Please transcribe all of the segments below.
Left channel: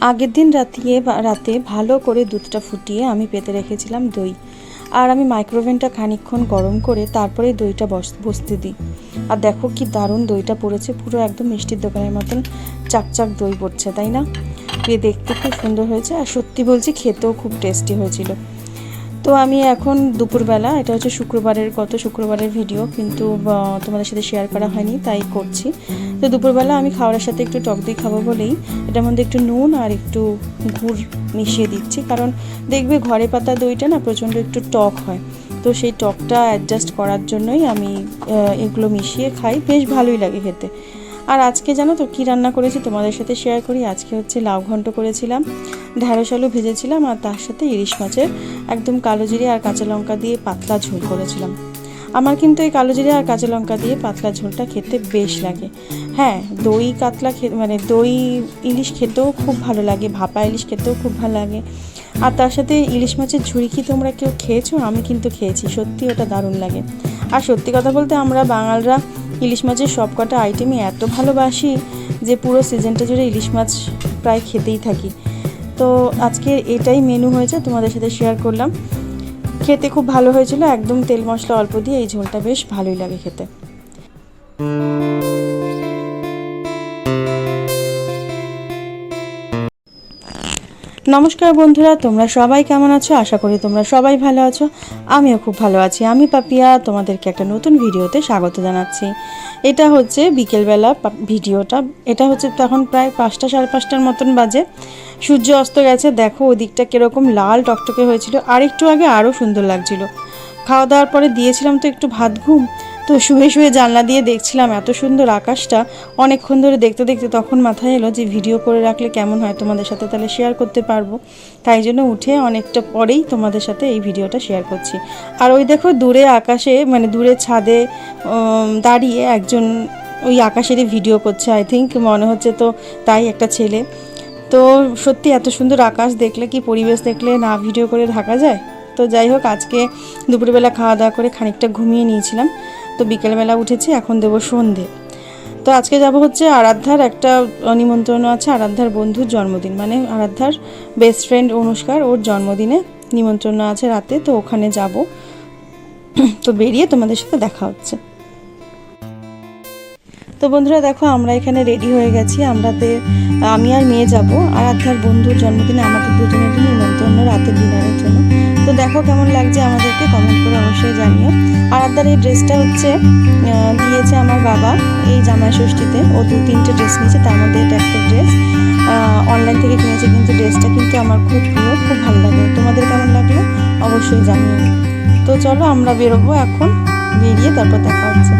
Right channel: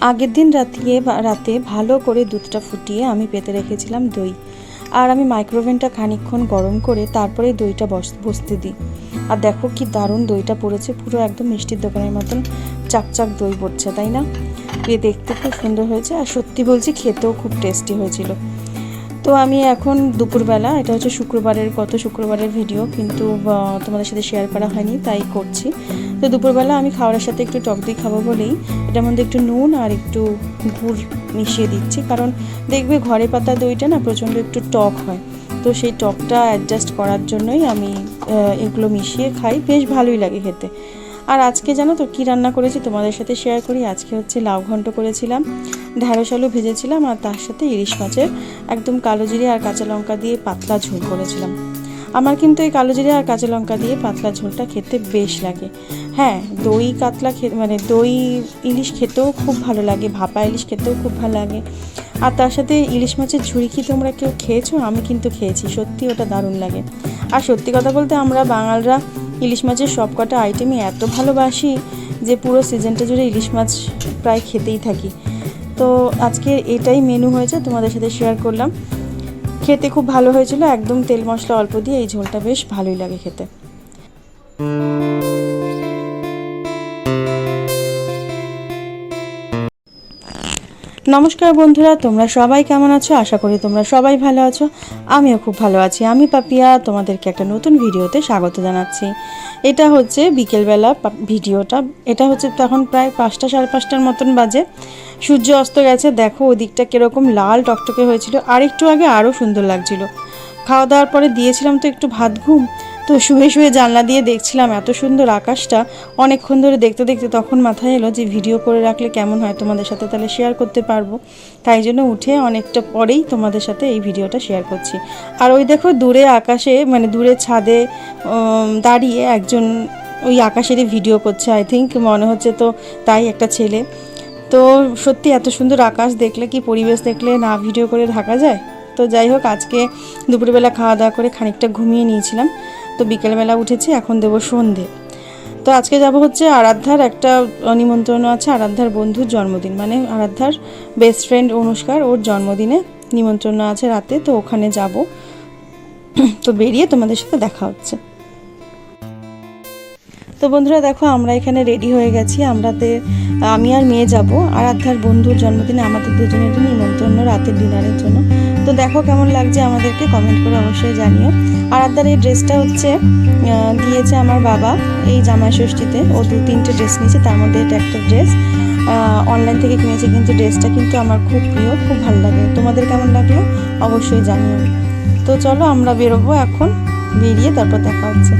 আগের দিন রাতে ভালো করে দুধটা ফুটিয়ে আমি পেতে রেখেছিলাম দই। আর আমি মাইক্রোওভেনটা খানিকক্ষণ গরম করে তারপরে দইটা বসতে দিই। আর দেখো কি দারুণ দইটা পড়েছে, পুরো একদম মিষ্টির দোকানের মতন চাকচাক দই পড়ছে, তাই না? দেখতে খুব সুন্দর হয়েছে, আর সত্যি বলছি খেতেও খুব টেস্টি হয়েছিল। তো আমি এখন দুপুরবেলা, এটা হচ্ছে গত শুক্রবারের ভিডিও, কিন্তু তোমাদের সাথে শেয়ার করা হয়নি তাই করছি। তো দুপুরবেলা আমি খাওয়ার সাথে একটু টক দই খাবো বলেই এটার মধ্যে একটু নুন আর একটু গুড় মিশিয়ে দিচ্ছি, কারণ দেখবে ঘরে পাতা দইটা না প্রচণ্ড একটু টক হয়, তো সেই টকটা অ্যাডজাস্ট করার জন্যই আমি এগুলো মিশিয়ে খাই, বেশ ভালোই লাগে খেতে। আর আজকে জানো তো কী রান্না করেছি তোমাদের সাথে শেয়ার করি। আজকে হচ্ছে লাউ ঘন্ট করেছিলাম, ঢ্যাঁড়স আলু ভেজেছিলাম, আর তার সাথে ইলিশ মাছের একদম কালো জিরে আর কাঁচা লঙ্কা দিয়ে পাতলা ঝোল করেছিলাম। আমার কিন্তু এই কালো জিরে আর কাঁচা লঙ্কা দিয়ে পাতলা ঝোলটা খেতে বেশ লাগে। হ্যাঁ, দই কাতলা মানে দই ইলিশ খেতেও খুব ভালো লাগে, ভাপা ইলিশ খেতেও খুব ভালো লাগে। আর তার সাথে ইলিশ মাছের ঝুড়ি কি তোমরা কেউ খেয়েছো? আমি কিন্তু খেয়েছি, সত্যি ওটা দারুণ লাগে। আর সত্যি কথা বলতে আমরা বাঙালরা ইলিশ মাছের সব কটা আইটেমই এত ভালোবাসি যে পুরো সিজনটা জুড়ে ইলিশ মাছ প্রায় খেতেই থাকি। তো আজকে এটাই মেনু হয়েছে, তোমাদের সাথে শেয়ার করলাম। খেতে খুব ভালো হয়েছিল, একদম তেল মশলা অল্প দিয়ে এই ঝোলটা বেশ ভালোই লাগে খেতে। নমস্কার বন্ধুরা, তোমরা সবাই কেমন আছো? আশা করি তোমরা সবাই ভালো আছো, আমিও খুব ভালো আছি। আমি পাপিয়া তোমাদেরকে একটা নতুন ভিডিওতে স্বাগত জানাচ্ছি। এটা হচ্ছে বিকেলবেলা ভিডিওটা, এটা হচ্ছে তখন প্রায় 5টা সাড়ে 5টার মতন বাজে। সূর্য অস্ত গেছে, দেখো ওদিকটা কীরকম লাল টকটকে হয়েছিল, আর একটু আগে আরও সুন্দর লাগছিল। খাওয়া দাওয়ার পরে দিয়েছিলাম তো একটু ভাত ঘুম, তো শুয়ে শুয়ে জানলা দিয়ে দেখছিলাম এত সুন্দর আকাশটা। অনেকক্ষণ ধরে দেখতে দেখতে তখন মাথায় এলো যে ভিডিও করে রাখলে কেমন হয়, তোমাদের সাথে তাহলে শেয়ার করতে পারবো। তাই জন্য উঠে অনেকটা পরেই তোমাদের সাথে এই ভিডিওটা শেয়ার করছি। আর ওই দেখো দূরে আকাশে, মানে দূরে ছাদে দাঁড়িয়ে একজন ওই আকাশেরই ভিডিও করছে, আই থিঙ্ক মনে হচ্ছে তো তাই, একটা ছেলে। তো সত্যি এত সুন্দর আকাশ দেখলে, কি পরিবেশ দেখলে না ভিডিও করে থাকা যায়? তো যাই হোক, আজকে দুপুরবেলা খাওয়া দাওয়া করে খানিকটা ঘুমিয়ে নিয়েছিলাম, তো বিকেলবেলা উঠেছি, এখন দেবো সন্ধে। তো আজকে যাব হচ্ছে আরাধ্যার একটা নিমন্ত্রণ আছে, আরাধ্যার বন্ধুর জন্মদিন, মানে আরাধ্যার বেস্ট ফ্রেন্ড অনুষ্কার, ওর জন্মদিনে নিমন্ত্রণ আছে রাতে, তো ওখানে যাব। তো বেরিয়ে তোমাদের সাথে দেখা হচ্ছে। তো বন্ধুরা দেখো, আমরা এখানে রেডি হয়ে গেছি। আমি আর মেয়ে যাব আরাধ্যার বন্ধুর জন্মদিনে, আমাদের দুজনেরই নিমন্ত্রণ রাতের ডিনারের জন্য। তো দেখো কেমন লাগছে আমাদেরকে কমেন্ট করে অবশ্যই জানিও। আরাধ্যার এই ড্রেসটা হচ্ছে দিয়েছে আমার বাবা এই জামাই ষষ্ঠীতে, ও 2-3টে ড্রেস নিয়েছে, তার মধ্যে এটা একটা ড্রেস অনলাইন থেকে কিনেছে, কিন্তু ড্রেসটা কিন্তু আমার খুব প্রিয়, খুব ভালো লাগে। তোমাদের কেমন লাগলো অবশ্যই জানিও। তো চলো আমরা বেরোবো এখন, বেরিয়ে তারপর দেখা হচ্ছে।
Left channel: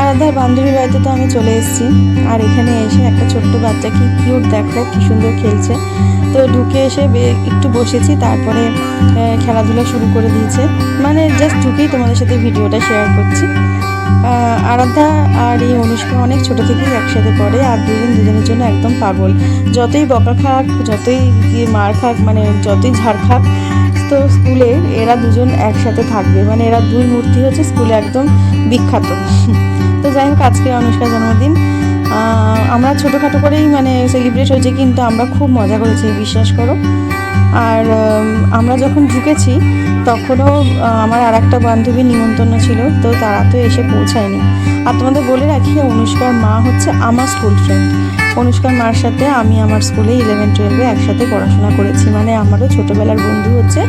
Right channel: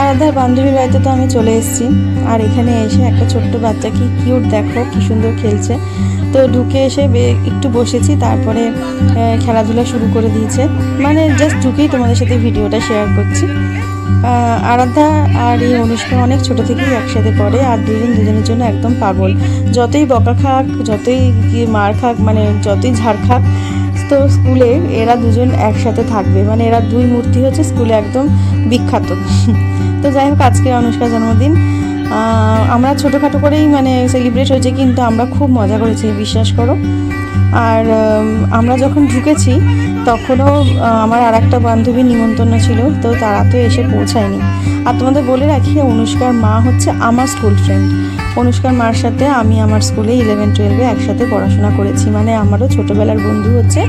আরাধ্যার বান্ধবীর বাড়িতে তো আমি চলে এসেছি, আর এখানে এসে একটা ছোট্ট বাচ্চা কি কিউট, দেখো কি সুন্দর খেলছে। তো ঢুকে এসে একটু বসেছি, তারপরে খেলাধুলা শুরু করে দিয়েছে, মানে জাস্ট ঢুকেই তোমাদের সাথে ভিডিওটা শেয়ার করছি। আরাধ্যা আর এই অনুষ্কা অনেক ছোট থেকেই একসাথে পড়ে, আর দুজনের জন্য একদম পাগল। যতই বকা খাক, যতই মার খাক, মানে যতই ঝাড় খাক, তো স্কুলে এরা দুজন একসাথে থাকবে, মানে এরা দুই মূর্তি হচ্ছে স্কুলে একদম বিখ্যাত। তো যাই হোক, আজকে অনুষ্কার জন্মদিন আমরা ছোটোখাটো করেই মানে সেলিব্রেট হয়েছে, কিন্তু আমরা খুব মজা করেছি, বিশ্বাস করো। আর আমরা যখন ঢুকেছি তখনও আমার আর একটা বান্ধবীর নিমন্ত্রণ ছিল, তো তারা তো এসে পৌঁছায়নি। আর তোমাদের বলে রাখি, অনুষ্কার মা হচ্ছে আমার স্কুল ফ্রেন্ড। অনুষ্কার মার সাথে আমি আমার স্কুলে 11-12 একসাথে পড়াশোনা করেছি, মানে আমারও ছোটোবেলার বন্ধু হচ্ছে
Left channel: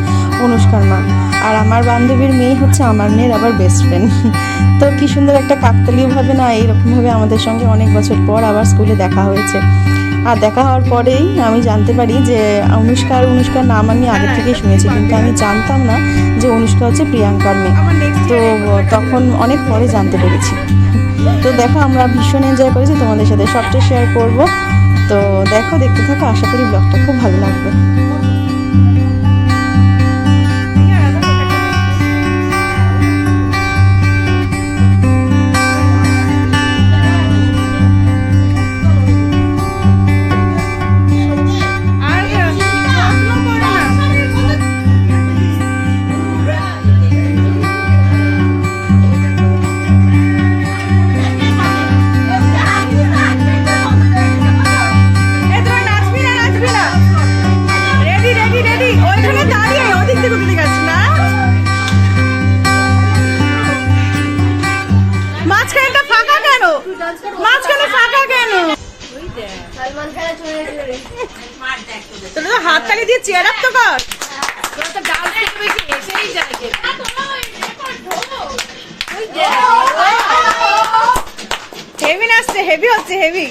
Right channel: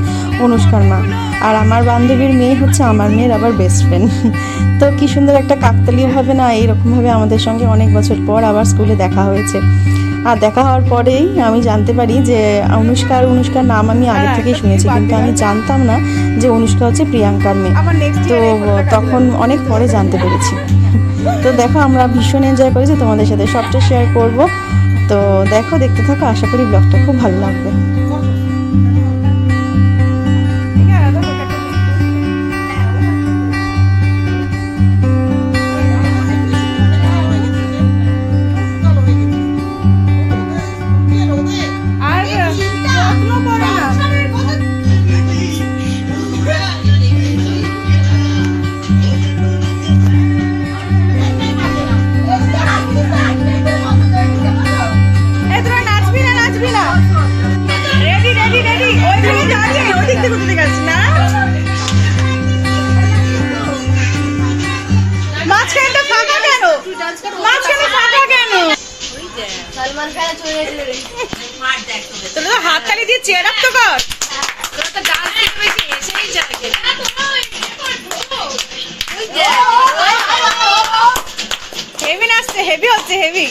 অনুষ্কার মা। আর আমার বান্ধবীর মেয়ে হচ্ছে আমার মেয়ের আবার বেস্ট ফ্রেন্ড। তো কী সুন্দর একটা কাকতালীয়ভাবে না এইরকমভাবে আমাদের সঙ্গে অনেক বছর পর আবার স্কুলে দেখা হয়েছে। আর দেখা হওয়ার পরেই আমি জানতে পারি যে অনুষ্কার নাম আমি আগে থেকেই শুনেছি, কিন্তু আমি জানতাম না যে অনুষ্কা হচ্ছে প্রিয়াঙ্কার মেয়ে। তো তখন অনেক পরে জানতে পেরেছি। তো দেখো, আমরা ভীষণ এনজয় করেছি, তোমাদের সাথে সবটা শেয়ার করব। তো দেখো, দেখতে থাকো, আশা করি ব্লগটা খুব ভালো লাগবে। তাহলে তো হাত তালি দিয়ে চেয়ার আপ তো কর। হেভি নাচছে, হেভি হচ্ছে, হেভি।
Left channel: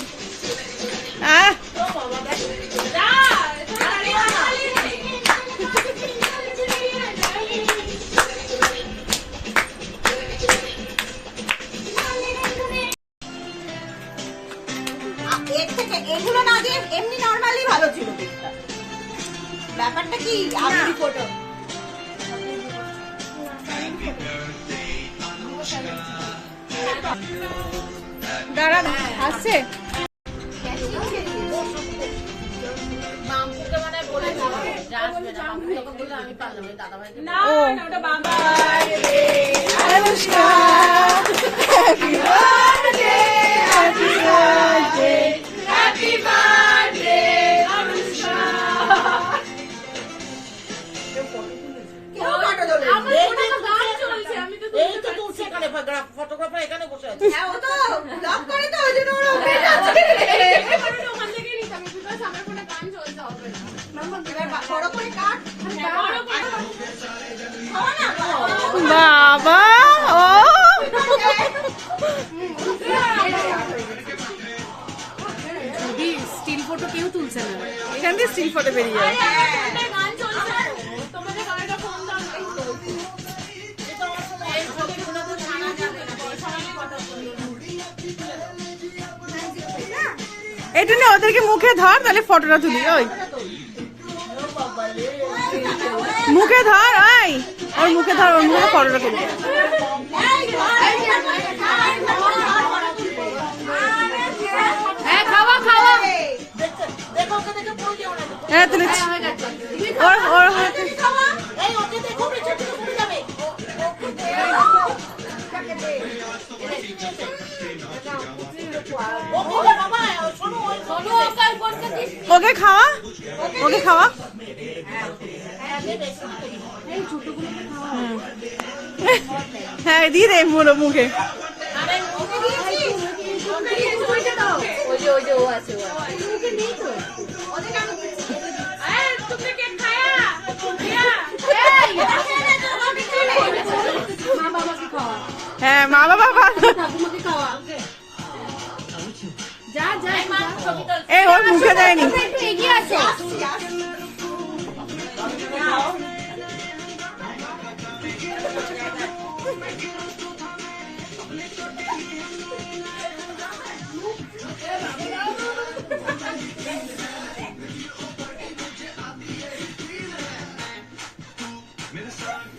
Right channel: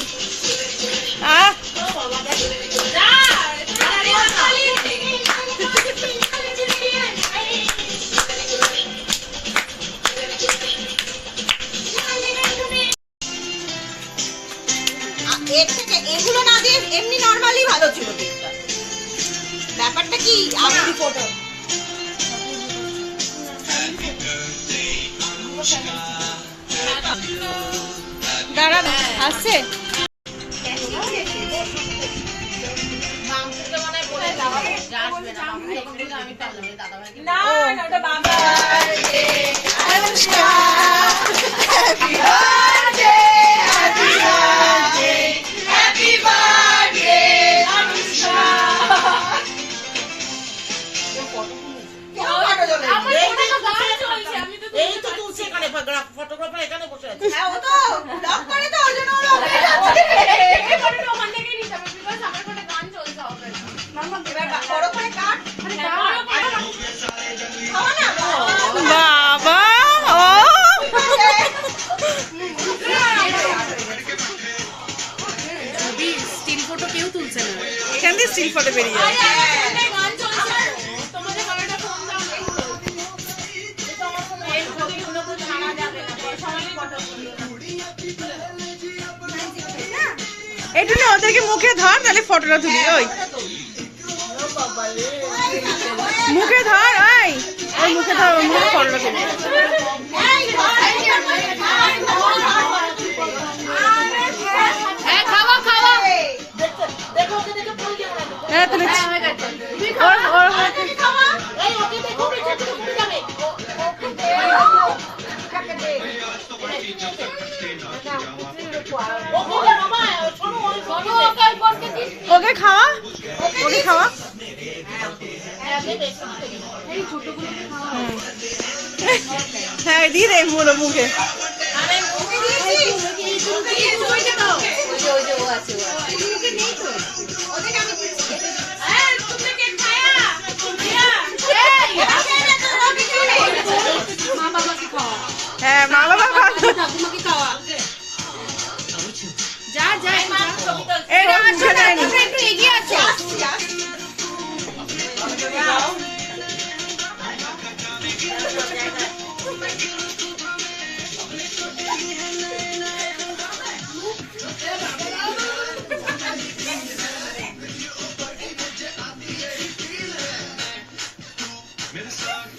এগুলো না দিয়ে এমনি নরমালি ভালো ছিল কেকটা। ব্যাপারটা কি আমি ফটো দাঁড়া আসছে। এই তো তুলছে এখানে ফটোগ্রাফার এখানে বসে আছে। হ্যাঁ ও তো লক করে তো ওই জন্য ওরা ওখানে যাচ্ছে। এই ফটোটা ওখান থেকেই নিতে হবে বিকজ আমার ফোনে গান চলছে হবে না। মাম্মা এবার বড় করে কাট। খাওয়া না বাবা ও স্টিল ফটো কেউ তুলছে না, এখান থেকে স্টিল ফটো বেরিয়ে যায়। গান চলছে তোমাদের ক্যামেরাটা ফোন দাও এই ফটো গুলো তো ছাড়া যাবে না সবাই ফটো তুলো এইটু না ওদেরকে মুখে ধর তাহলে ফটোটা তুলি। ওই মুখে ধর, ওই ওই মুখে ধর, ওই মুখে ফটোটা তুলি। হ্যাঁ খাওয়া খাওয়া দেখো ওকে দেখো ফোন দিও না হ্যাঁ তুলি। ওর ওর এই ওকে দেখো নিচে থেকে পড়ে যাবে ওকে বাবা শোনো ওই ফটো ওকে করতে কি ওকে খাওয়া, ওকে খাওয়া। এই ছোটগুলো খাওয়া। হ্যাঁ দি রে বলো মুখে। আরে ওকে দিয়েছি ওকে দিয়েছি দাও ওই যে ও আছে ওকে নেই তো ওকে আমি দিচ্ছি এই তুমি কে খায়া এই মা বাবাকে খাওয়া, হ্যাঁ মা বাবা ঠাকুমাকে খাওয়া। যা যা এই ওর মুখে দেয়নি। একটু এগিয়ে আছে।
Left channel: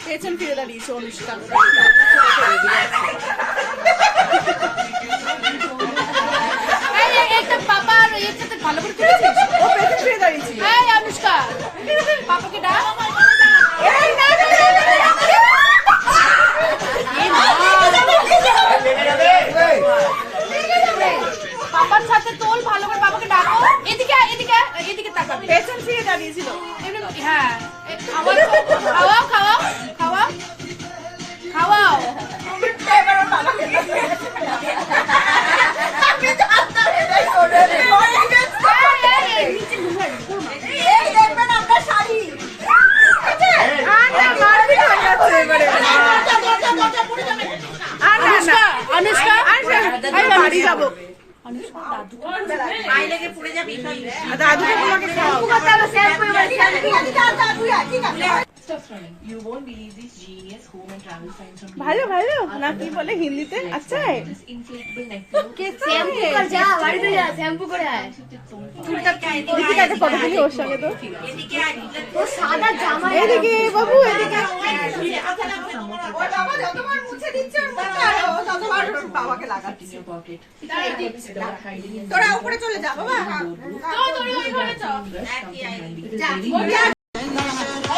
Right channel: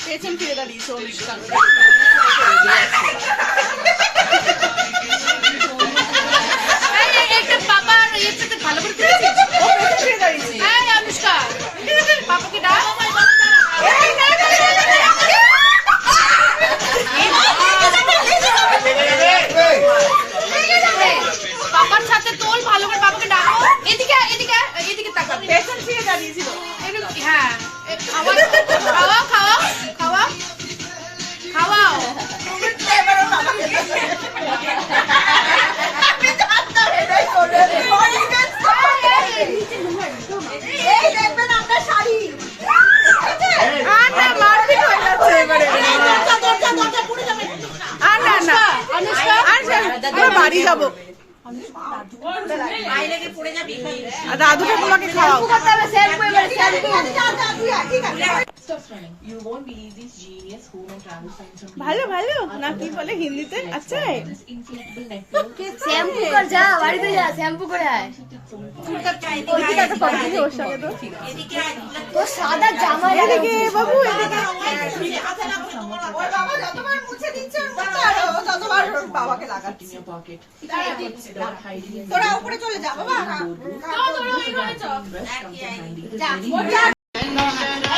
পেছন ফিরে দাঁড়িয়েছে অনুষ্ঠান। একটা বাবার এর সাথে ভালো করে তুলেছিস। ও পেছন ফিরে দাঁড়িয়েছে। এই অনুষ্কা পাপাকে ডাক। এই না না না না পাপার সাথে তোল ভালো করে বাবাকে ডাকো। এদিকে এদিকে এদিকে তাকাবে। পেছন ফিরে দাঁড়িয়েছিল। হ্যাঁ খাওয়া খাওয়া খাওয়া খাওয়াও। এই দেখবেন আপনার শাড়ি আর না মারপিট হয়ে যাচ্ছে এবারে। আর না না অনুষ্কা আমরা বাড়ি যাবো। আইলেগে পড়ে যাবি আর দাদুকে তোমাকে খাওয়াও। ঠিক আছে You won't believe these genius home and travel finds from ভালো ভালো না কি বলে হিন্দিতে? আচ্ছা this inflatable neck pillow. Shampoo কর যা বাড়িতে যা শ্যাম্পু করে আয়। ওইদিকে একটা ফটো তুলি ওর সঙ্গে তো। ও সাদা জামা এদিকে বাবু এদিকে। যতবার মুছে দিচ্ছে ততবার বাবাকে লাগাচ্ছি In your pocket. তোরা উপরে চলে যা বাবা Boardroom. Rest of the handy.